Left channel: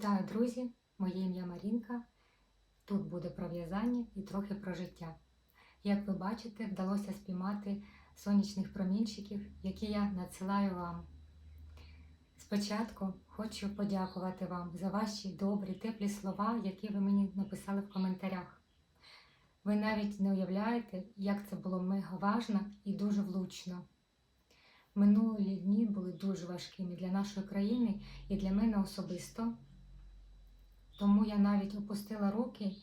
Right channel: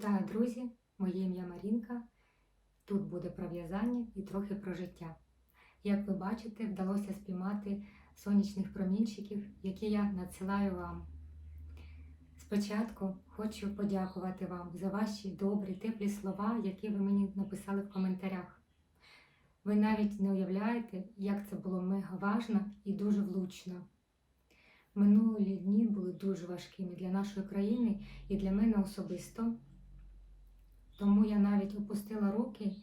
Вітаю, друзі! Моє ім'я Марінка. Тут буде про в'язання і трохи про життя. Як ви бачите, вдалося спіймати сонячних промінчиків, які я надсилаю вам. Спочатку хочу подякувати вам за ваші добрі, теплі слова, які ви мені написали в коментарях. Ви навіть не уявляєте, як це було мега важно і дуже влучно. Минулі дні були дуже важкими для нашої країни і для мене особисто. Тому я навіть опустила руки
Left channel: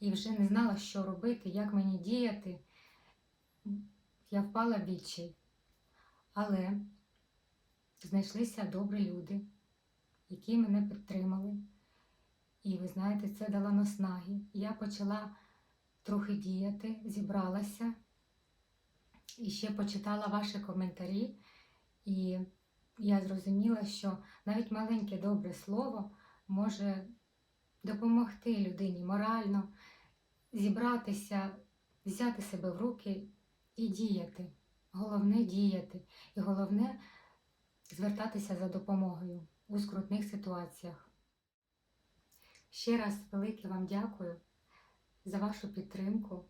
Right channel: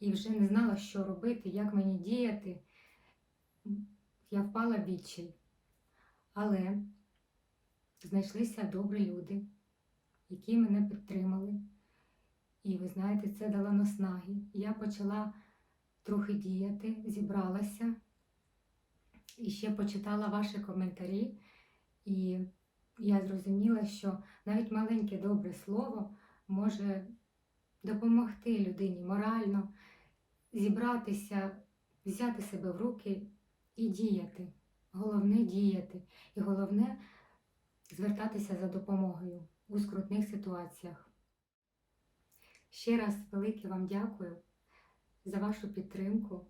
і вже не знала, що робити, як мені діяти. Я впала в відчай. Але знайшлися добрі люди, які мене підтримали. І ви знаєте, це дало наснаги. Я почала трохи діяти, зібралася і ще почитала ваші коментарі. І я зрозуміла, що навіть маленьке добре слово може допомогти людині морально зібратися, взяти себе в руки і діяти. Головне діяти. І головне звертатися за допомогою у скрутних ситуаціях. Ще раз велике вам дякую за вашу підтримку,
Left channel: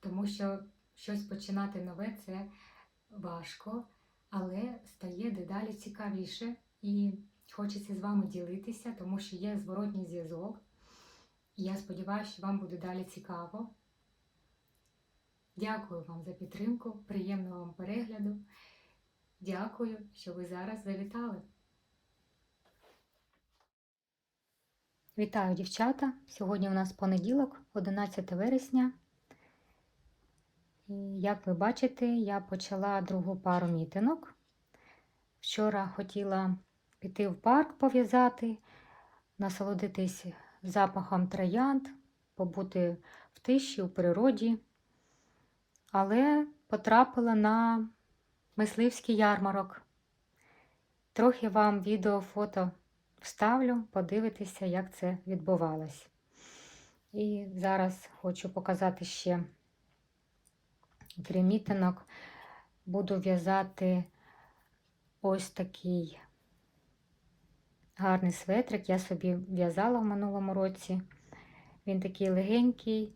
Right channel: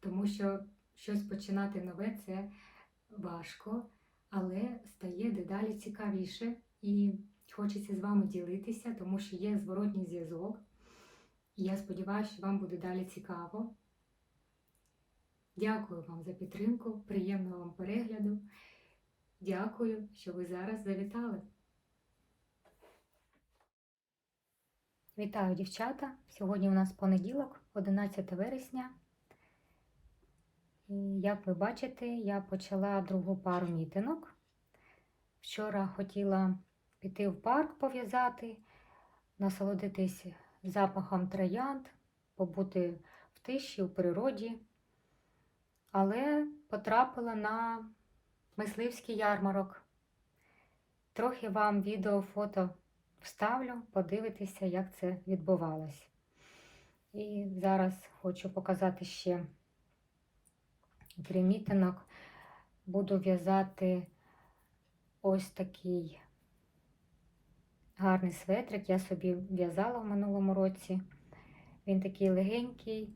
тому що щось починати нове це важко, але стає дедалі цікавіше і хочеться з вами ділитися, тому що є зворотній зв'язок. І я сподіваюся, що вам буде далі цікаво. Дякую вам за підтримку, приємного вам перегляду. Дякую, що ви зараз завітали. Вітаю, дівчата! Сьогодні у нас понеділок, 11 вересня. І як ви бачите, я почала другу пару мітинок. Вчора хотіла піти в парк пов'язати, насолодитись запахом троянд, побути в тиші, у природі, але потрапила на мисливський ярмарок. Трохи вам відео, фото вставлю, подивитися, як це відбувалось. І зараз хочу показати ще мітинок. Буду в'язати ось такий гарний светрик. Я собі в'язала в минулому році. Він такий легенький,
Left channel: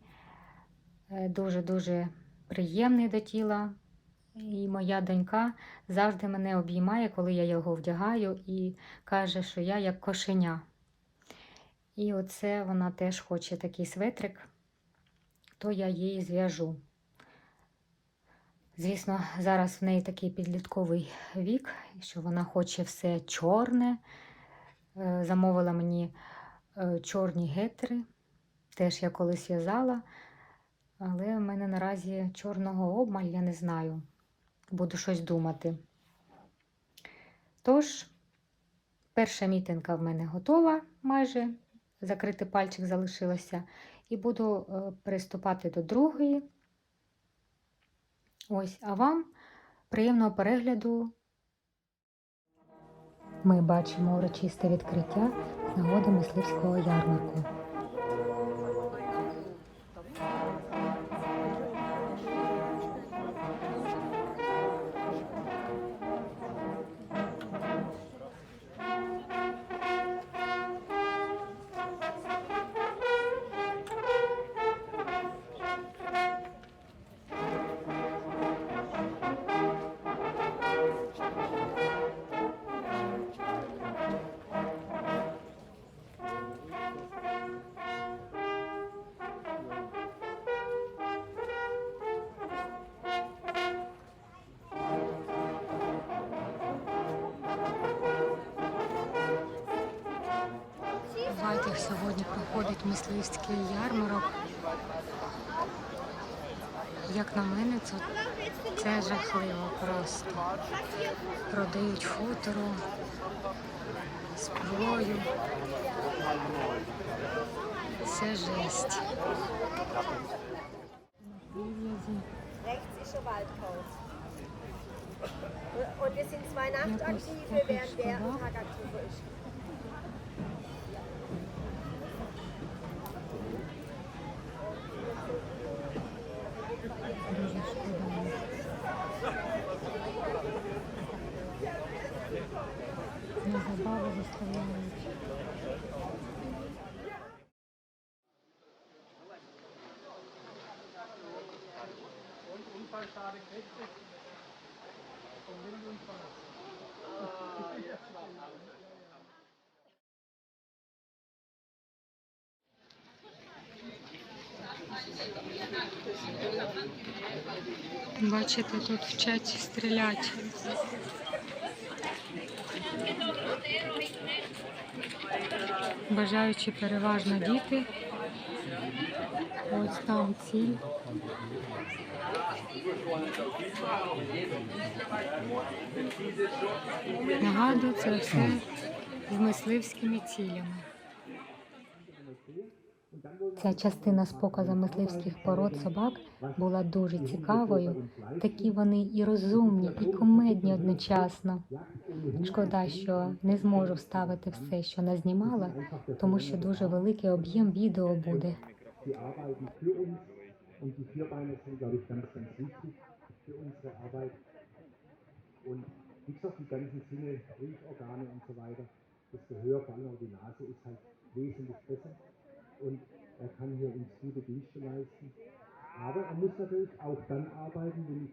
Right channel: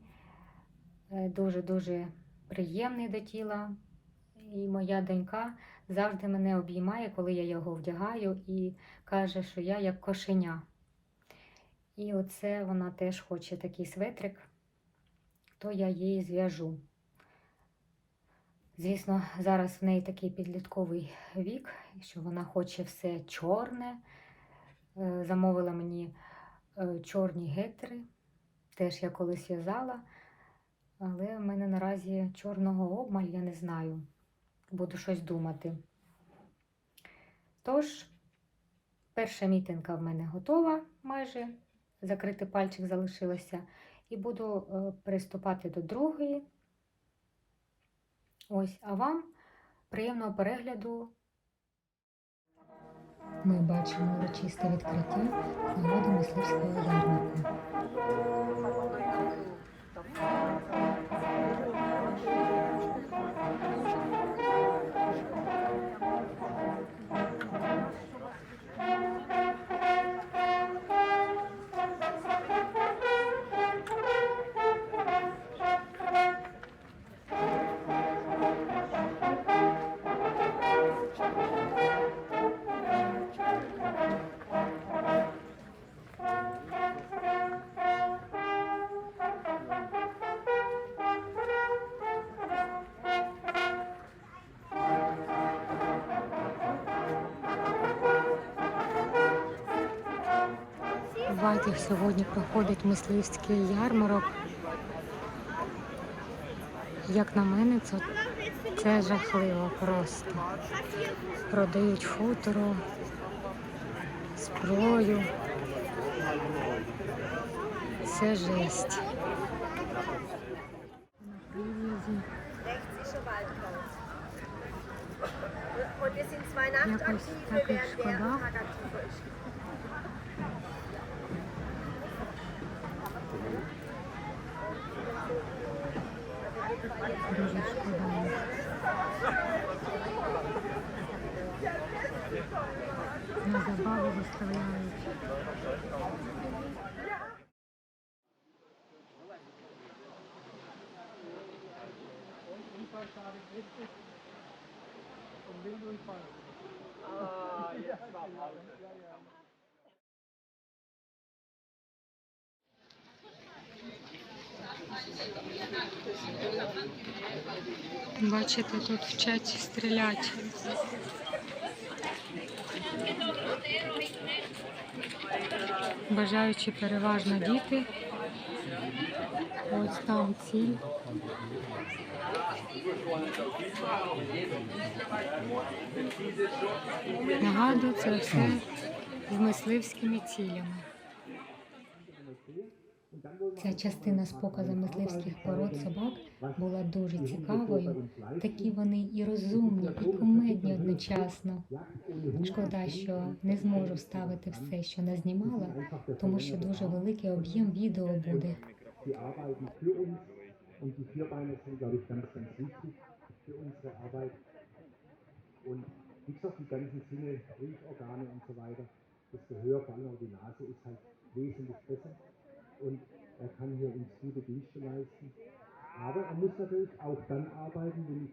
е, дуже-дуже приємний до тіла. І моя донька завжди мене обіймає, коли я його вдягаю, і каже, що я як кошеня. І оце вона теж хоче такий светрик, то я їй зв'яжу. Звісно, зараз в неї такий підлітковий вік, що вона хоче все чорне. Е, замовила мені е, чорні гетери. Теж я колись в'язала, але в мене наразі чорного обмаль, я не знаю. Буду щось думати. Тож, перша мітинка в мене готова майже, закритий пальчик залишилося, і буду е, приступати до другої. Ось, а вам приємного перегляду. Ми бачимо урочисте відкриття з нагоди мисливського ярмарку. В сьогодні проходить мисливський ярмарок. Як на мене, це, це жахливо просто. Продають футро, зброю. Це жесть. На прив'язі. Rechts ist складає. На забаву виставляють. Thank you. Бачите, тут вчать стріляти. Бажаючи переважно діти. Ось там ціль. Нагадую, це все з мисливськими цілями. Ця частина з показом мисливських пород собак була дуже цікавою. Такі вони і розумні, і комедні одночасно. Шкода, що не зможу вставити все, що назнімала, тому що дуже великий об'єм відео буде. Wie gesagt, die ganzen Sinne, Riechorgane und so weiter, das Gehör, vor allem auch die Nase, ist halt wesentlich besser. Arbeiten,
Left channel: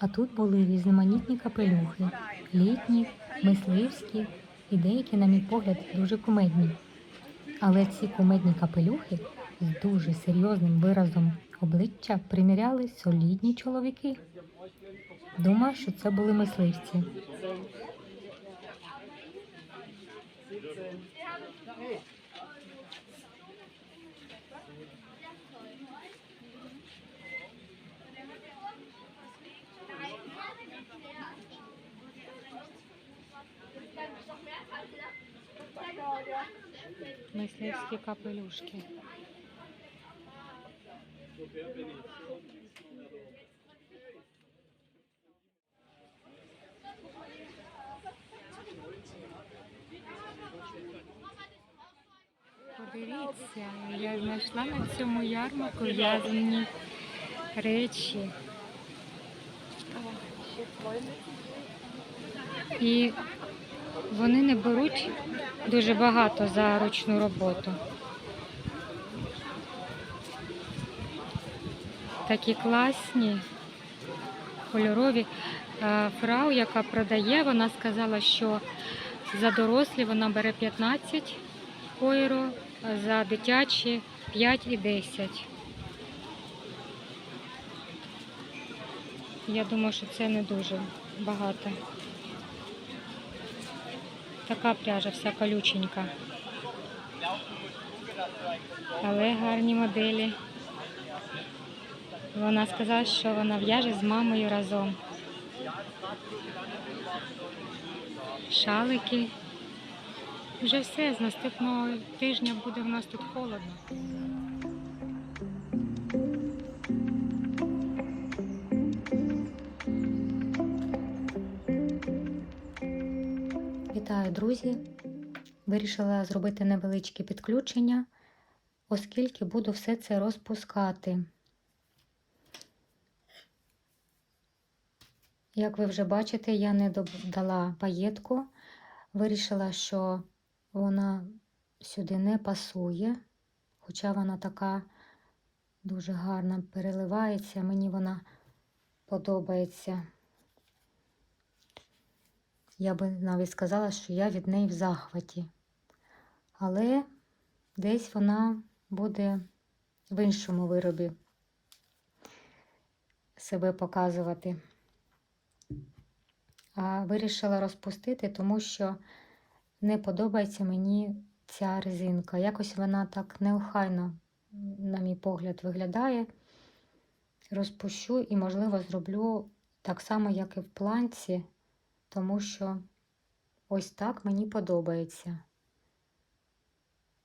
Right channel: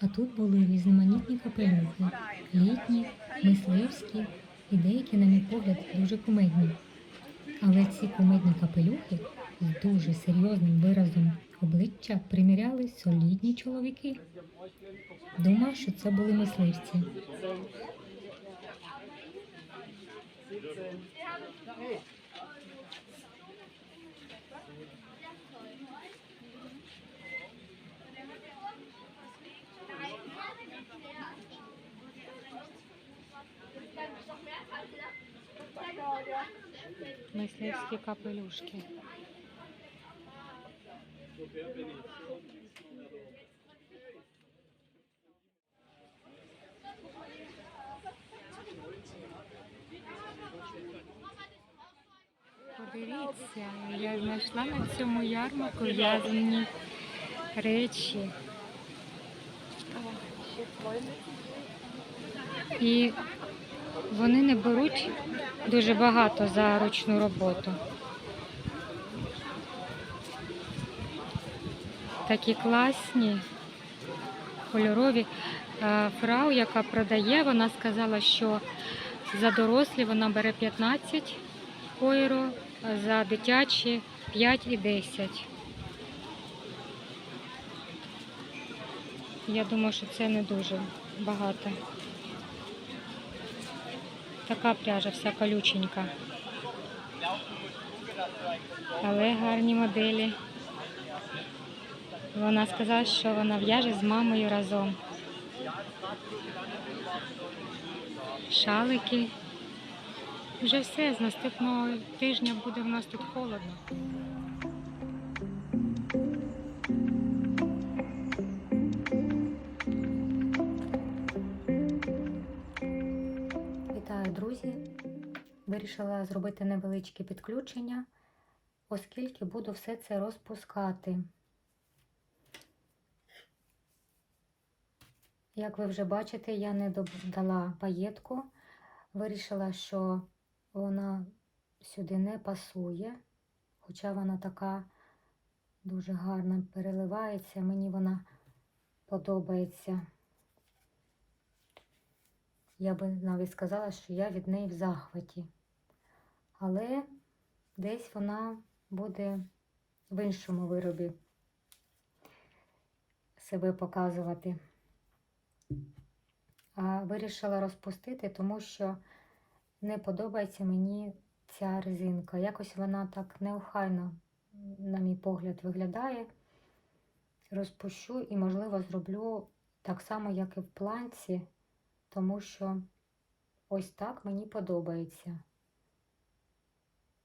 А тут були різноманітні капелюхи, літні, мисливські і деякі, на мій погляд, дуже кумедні. Але ці кумедні капелюхи з дуже серйозним виразом обличчя приміряли солідні чоловіки. Думав, що це були мисливці. Мисливські капелюшки. Подивіться, я знайшла на цьому ярмарку в'язані речі. І вони не беруть дуже багато за ручну роботу. Такі класні, кольорові. Е, Фрау, яка продає, вона сказала, що за дорослі вона бере 15 євро, за дитячі 5 і 10. Я думаю, що це не дуже багато. Така пряжа вся колюченька. Але гарні моделі. Вона сказала, що вона в'яже з мамою разом. Шалики. Вже все, з наступного тижня буде в нас тут холодно. Вирішила зробити невеличке підключення, оскільки буду все це розпускати. Як ви вже бачите, я не додала паєтку. Вирішила, що вона сюди не пасує, хоча вона така дуже гарна переливається, мені вона подобається. Я би навіть сказала, що я від неї в захваті. Але десь вона буде в іншому виробі себе показувати. а вирішила розпустити, тому що не подобається мені ця резинка. Якось вона так неохайно, на мій погляд, виглядає. Розпущу і, можливо, зроблю так само, як і в планці, тому що ось так мені подобається.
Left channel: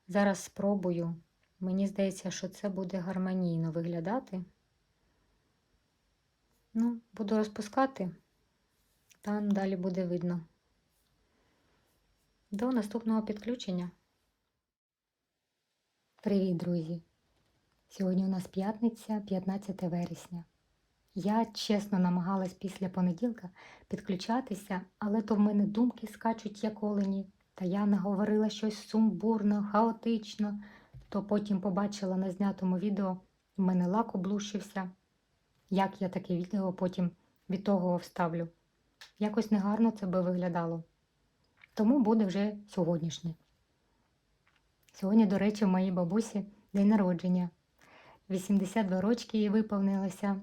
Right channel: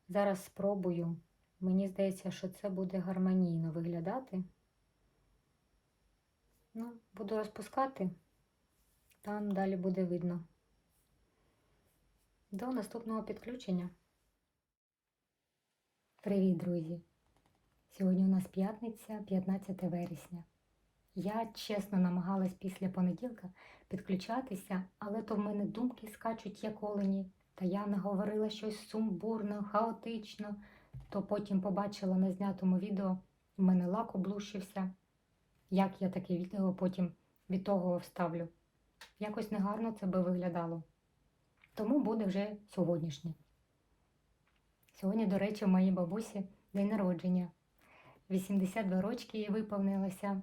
Зараз спробую. Мені здається, що це буде гармонійно виглядати. Ну, буду розпускати, там далі буде видно. До наступного підключення. Привіт, друзі! Сьогодні у нас п'ятниця, 15 вересня. Я чесно намагалась після понеділка підключатися, але то в мене думки скачуть як олені, та я наговорила щось сумбурно, хаотично, то потім побачила на знятому відео, в мене лак облущився. Як я таке відео потім від того вставлю? Якось негарно це би виглядало. Тому буде вже сьогоднішнє. Сьогодні, до речі, в моїй бабусі день народження. 82 рочки їй виповнилося.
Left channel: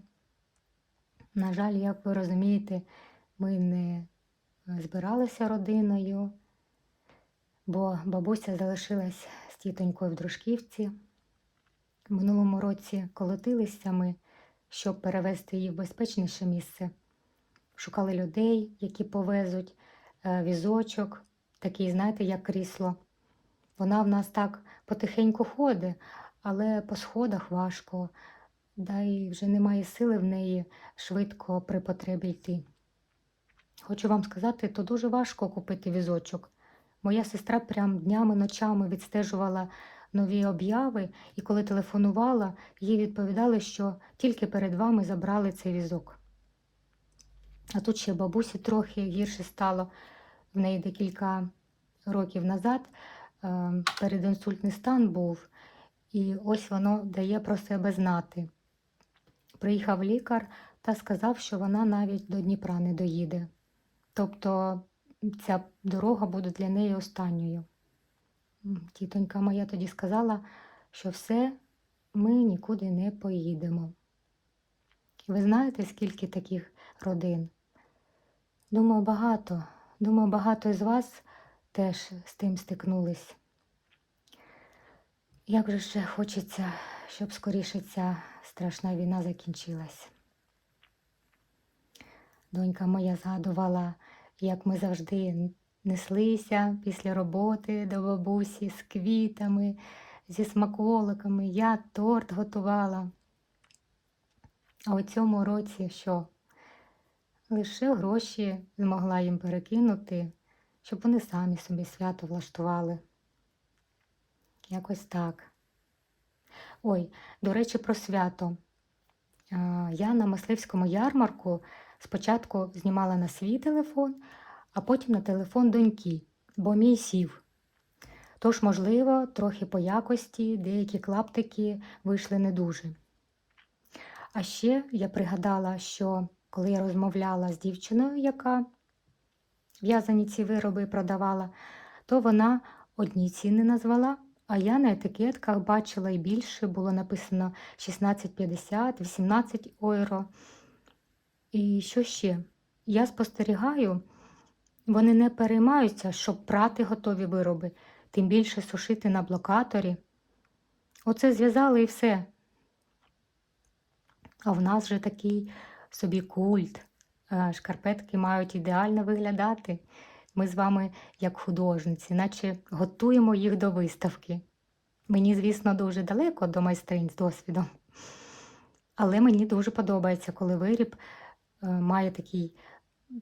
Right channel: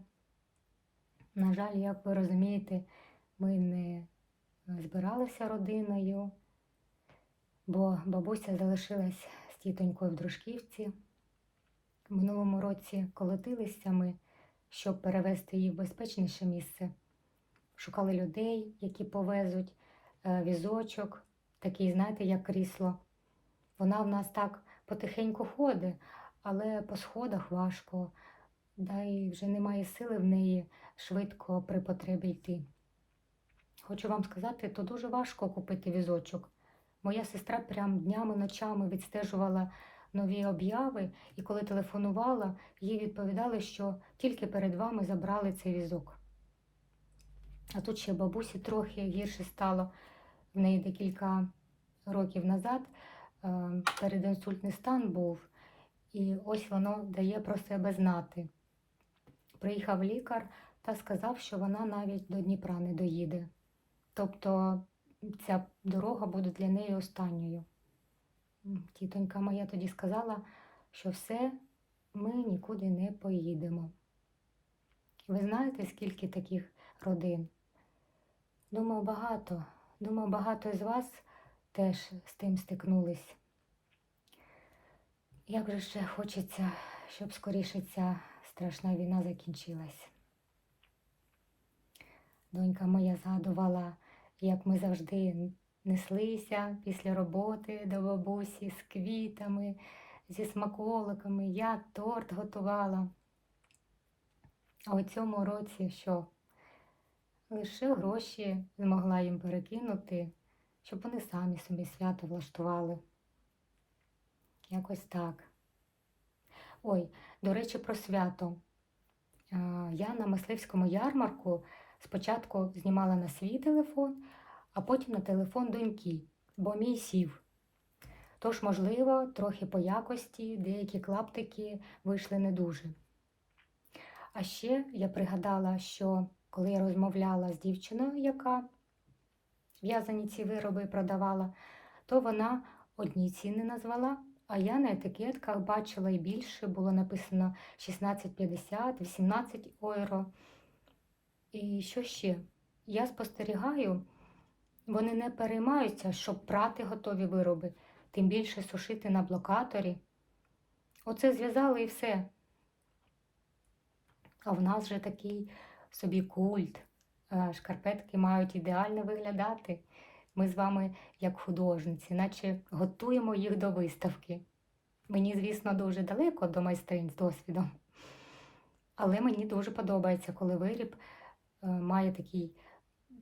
На жаль, як ви розумієте, ми не збиралися родиною, бо бабуся залишилась з тітонькою в Дружківці. В минулому році колотилися ми, щоб перевезти її в безпечніше місце. Шукали людей, які повезуть е, візочок, такий, знаєте, як крісло. Вона в нас так потихеньку ходить, але по сходах важко, да й вже немає сили в неї швидко при потребі йти. Хочу вам сказати, то дуже важко купити візочок. Моя сестра прям днями, ночами відстежувала нові обяви, і коли телефонувала, їй відповідали, що тільки перед вами забрали цей візок. А тут ще бабусі трохи гірше стало в неї декілька років назад. е, Передінсультний стан був, і ось воно дає про себе знати. Приїхав лікар та сказав, що вона навіть до Дніпра не доїде. Тобто ця дорога буде для неї останньою. Тітонька моя тоді сказала, що все, ми нікуди не поїдемо. Ви знаєте, скільки таких родин? Думаю, багато. Думаю, багато з вас теж з тим стикнулись. Як же ще хочеться, щоб скоріше ця страшна війна закінчилась. Донька моя згадувала, як ми завжди неслися після роботи до бабусі з квітами, зі смаколиками. Я торт готувала. А у цьому році що? Лише гроші змогла їм перекинути, щоб вони самі собі свято влаштували. Якось так. Ой, до речі, про свято. Я на мисливському ярмарку спочатку знімала на свій телефон, а потім на телефон доньки, бо мій сів. Тож, можливо, трохи по якості деякі клаптики вийшли не дуже. А ще я пригадала, що коли я розмовляла з дівчиною, яка в'язані ці вироби продавала, то вона одні ціни назвала, а я на етикетках бачила і більше було написано 16,50, 18 євро. І що ще? Я спостерігаю, вони не переймаються, щоб прати готові вироби, тим більше сушити на блокаторі. Оце зв'язали і все. А в нас же такий собі культ. Е, Шкарпетки мають ідеально виглядати. Ми з вами, як художниці, наче готуємо їх до виставки. Мені, звісно, дуже далеко до майстринь з досвідом. Але мені дуже подобається, коли виріб має такий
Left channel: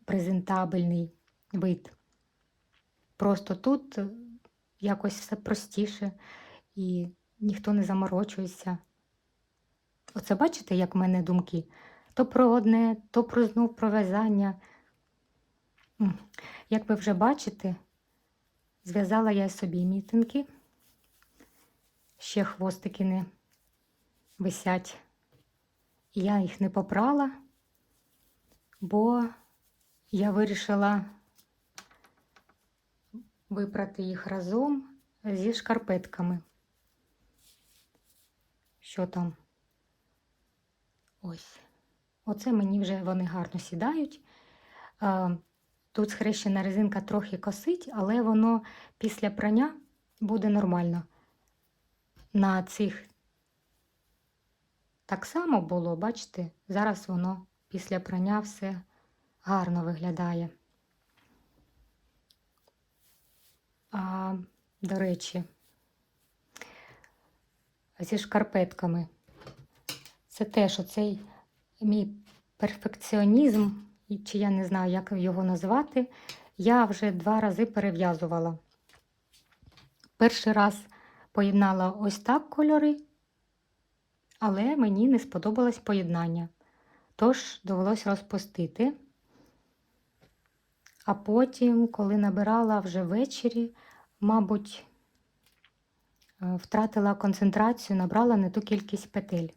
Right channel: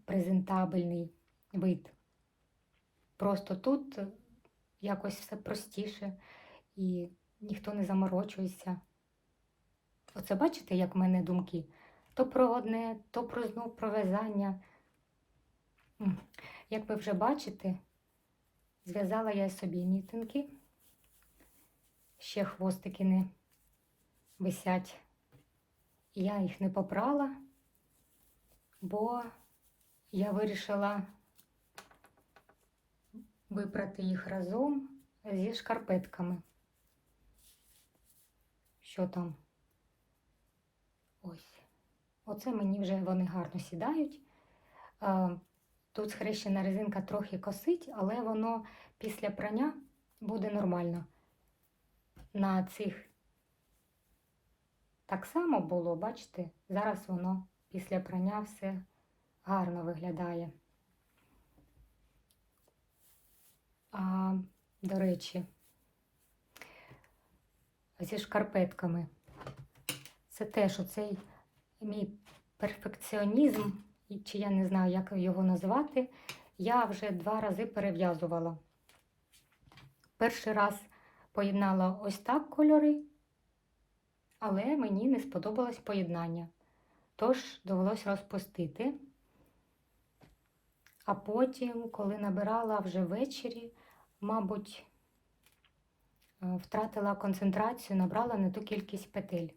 презентабельний вид. Просто тут е, якось все простіше і ніхто не заморочується. Оце бачите, як в мене думки? То про одне, то про знов про в'язання. Як ви вже бачите, зв'язала я собі мітинки. Ще хвостики не висять. Я їх не попрала, бо я вирішила випрати їх разом зі шкарпетками. Що там? Ось. Оце мені вже вони гарно сідають. Тут схрещена резинка трохи косить, але воно після прання буде нормально. На цих так само було, бачите, зараз воно після прання все гарно виглядає. А, до речі, зі шкарпетками. Це теж оцей мій перфекціонізм, чи я не знаю, як його назвати, я вже два рази перев'язувала. Перший раз поєднала ось так кольори, але мені не сподобалось поєднання. Тож довелось розпустити. А потім, коли набирала вже ввечері, мабуть, е, втратила концентрацію, набрала не ту кількість петель.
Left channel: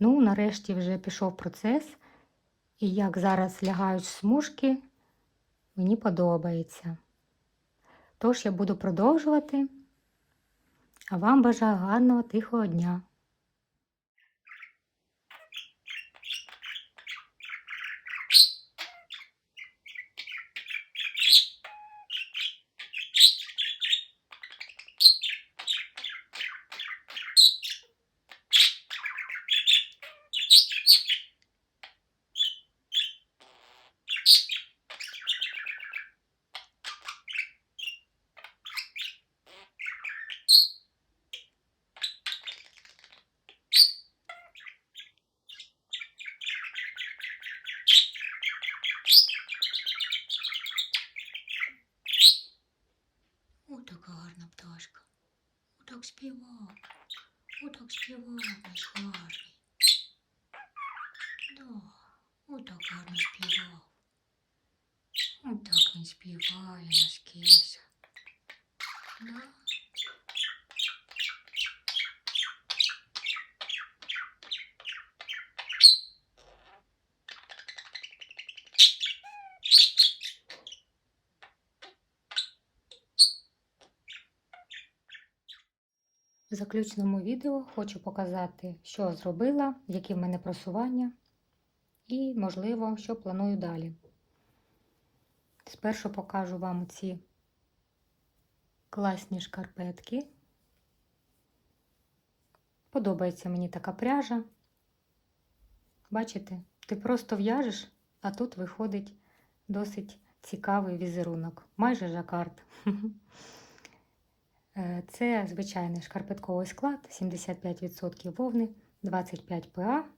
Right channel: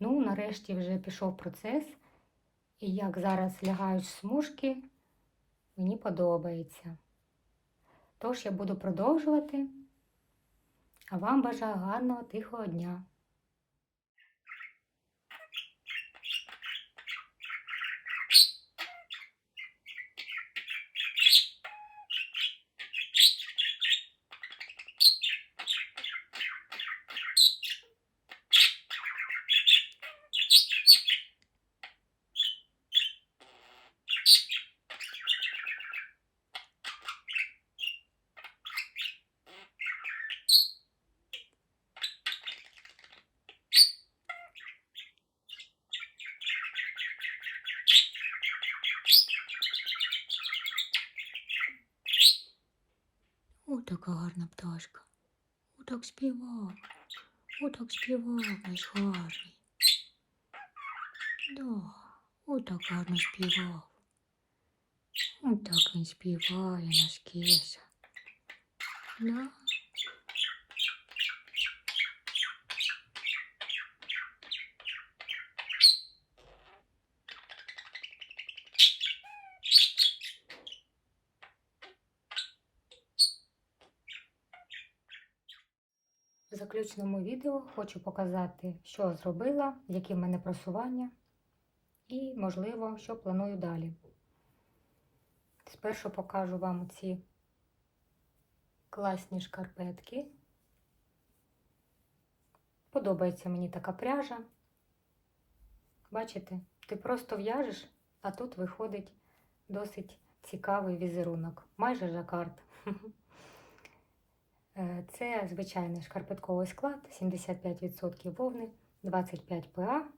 Ну, нарешті вже пішов процес, і як зараз лягають смужки, мені подобається. Тож я буду продовжувати, а вам бажаю гарного тихого дня. Співав. О, так співав наш гарний. Да, о, так гарно співав. Отак так він співає наш кеся. Да? В заключному відео хочу показати, що зробила, які в мене просування і, можливо, що планую далі. Спершу покажу вам ці класні шкарпетки. Подобається мені така пряжа. Бачите, ти просто в'яжеш, а тут виходить досить цікавий візерунок, майже жакард. Е, Це звичайний шкарпетковий склад, 75% вовни, 25 ПА.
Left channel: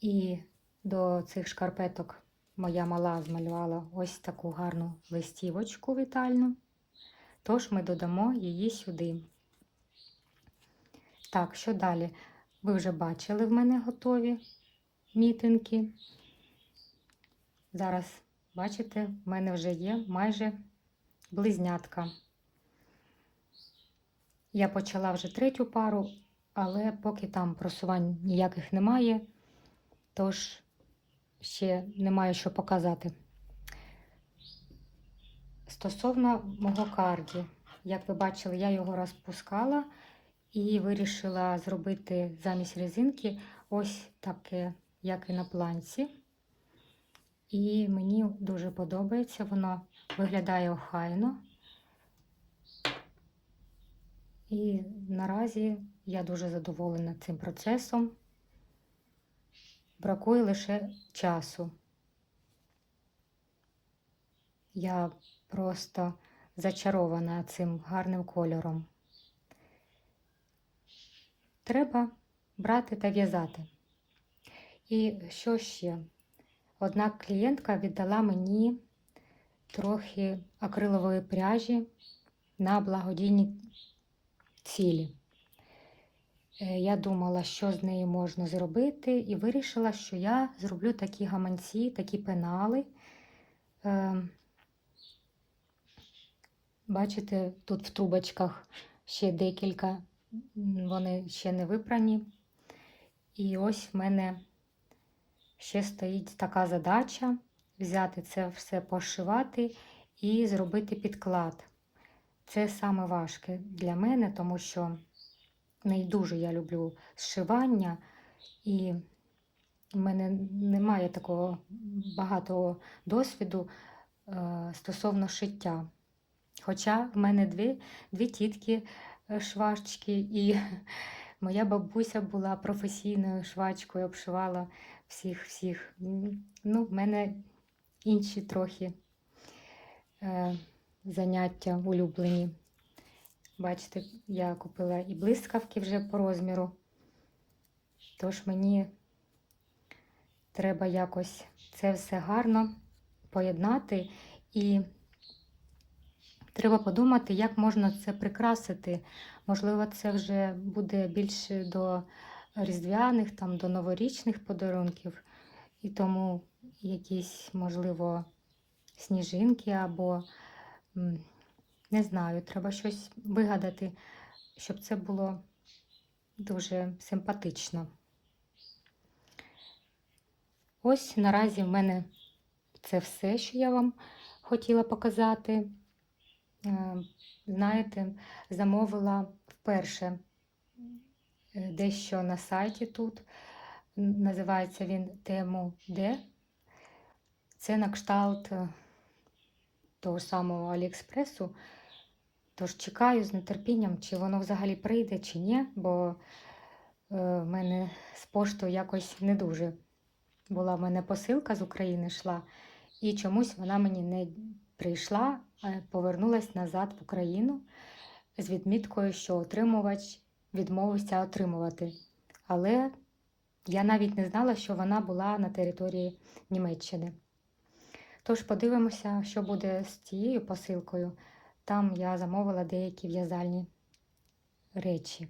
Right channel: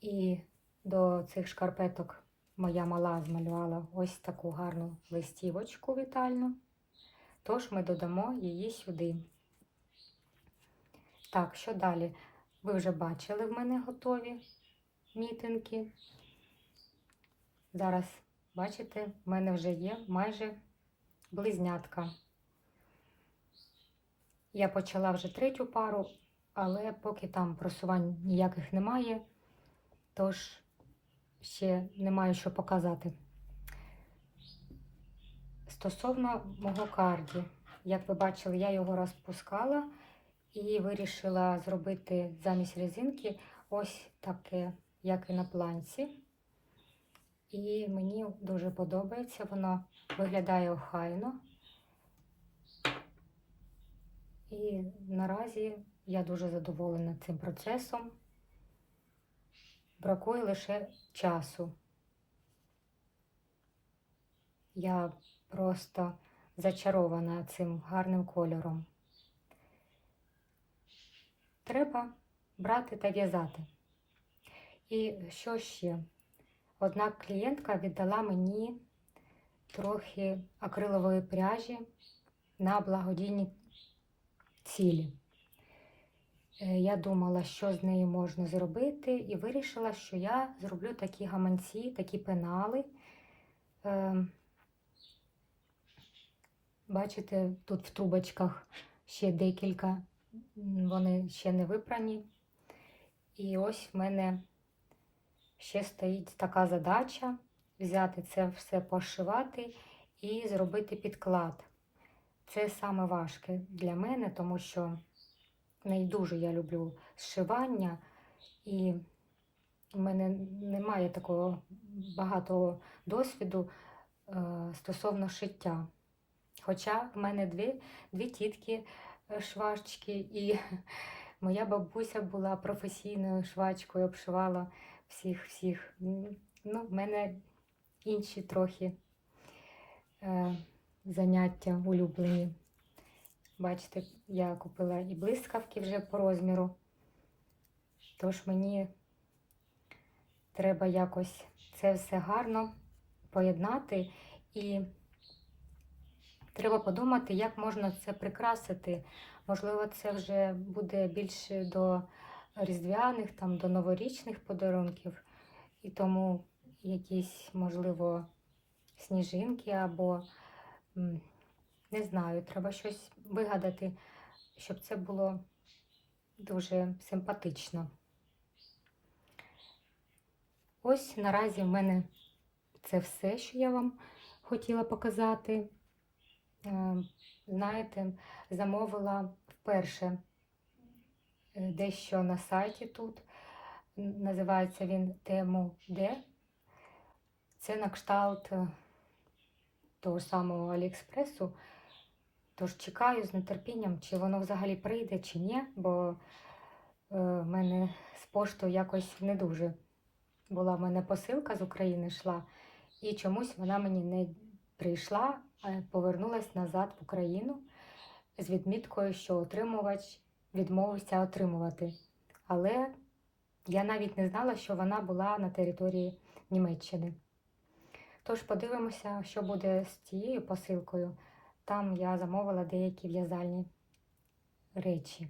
І до цих шкарпеток моя мала змалювала ось таку гарну листівочку вітальну. Тож ми додамо її сюди. Так, що далі? Ви вже бачили в мене готові мітинки. Зараз, бачите, в мене вже є майже близнятка. Я почала вже третю пару, але поки там просувань ніяких немає, тож ще немає що показати. Стосовно мого карді, як ви бачили, я його розпускала і вирішила зробити замість резинки ось таке, як і на планці. І мені дуже подобається, воно виглядає охайно. І наразі я дуже задоволена цим процесом. Бракує лише часу. Я просто зачарована цим гарним кольором. Треба брати та в'язати. І що ще? Одна клієнтка віддала мені трохи акрилової пряжі на благодійні цілі. Е, Я думала, що з нею можна зробити, і вирішила, що я зроблю такі гаманці, такі пенали. Е, Бачите, тут в трубочках ще декілька, вони ще не випрані. І ось в мене ще стоїть така задача взяти це все пошивати і зробити підклад. Це саме важке для мене, тому що не дуже я люблю зшивання, і в мене немає такого багато досвіду е, стосовно шиття. Хоча в мене дві, дві тітки е, швачки, і моя бабуся була професійною швачкою, обшивала всіх всіх. Ну, в мене інші трохи е, заняття улюблені. Бачите, я купила і блискавки вже по розміру. Тож мені треба якось це все гарно поєднати і треба подумати, як можна це прикрасити. Можливо, це вже буде більше до різдвяних, там, до новорічних подарунків, і тому якісь, можливо, сніжинки або не знаю, треба щось вигадати, щоб це було дуже симпатично. Ось наразі в мене це все, що я вам хотіла показати. Е, Знаєте, замовила вперше е, дещо на сайті тут. Називається він Тему Де. Це на кшталт е, того самого Аліекспресу. Тож чекаю з нетерпінням, чи воно взагалі прийде, чи ні, бо е, в мене з поштою якось не дуже була в мене посилка з України йшла, і чомусь вона мені не прийшла, а повернулась назад в Україну з відміткою, що отримувач відмовився отримувати. Але я навіть не знала, що вона була на території Німеччини. Тож подивимося, що буде з цією посилкою. Там я замовила деякі в'язальні речі.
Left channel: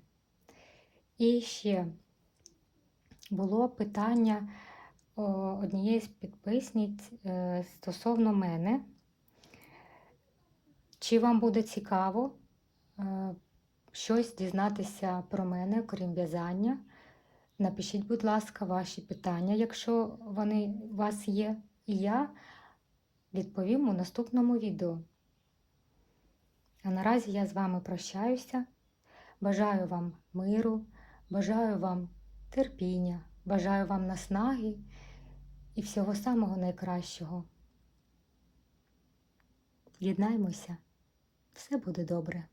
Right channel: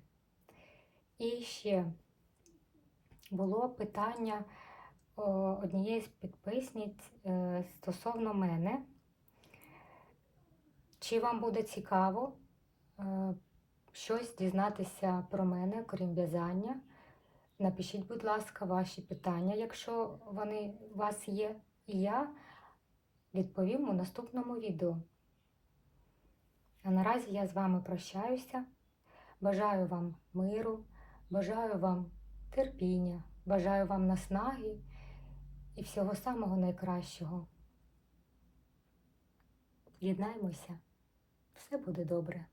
І ще було питання однієї з підписниць е, стосовно мене. Чи вам буде цікаво е, щось дізнатися про мене, крім в'язання? Напишіть, будь ласка, ваші питання, якщо вони у вас є, і я відповім у наступному відео. А наразі я з вами прощаюся. Бажаю вам миру, бажаю вам терпіння, бажаю вам наснаги і всього самого найкращого. Єднаймося, все буде добре.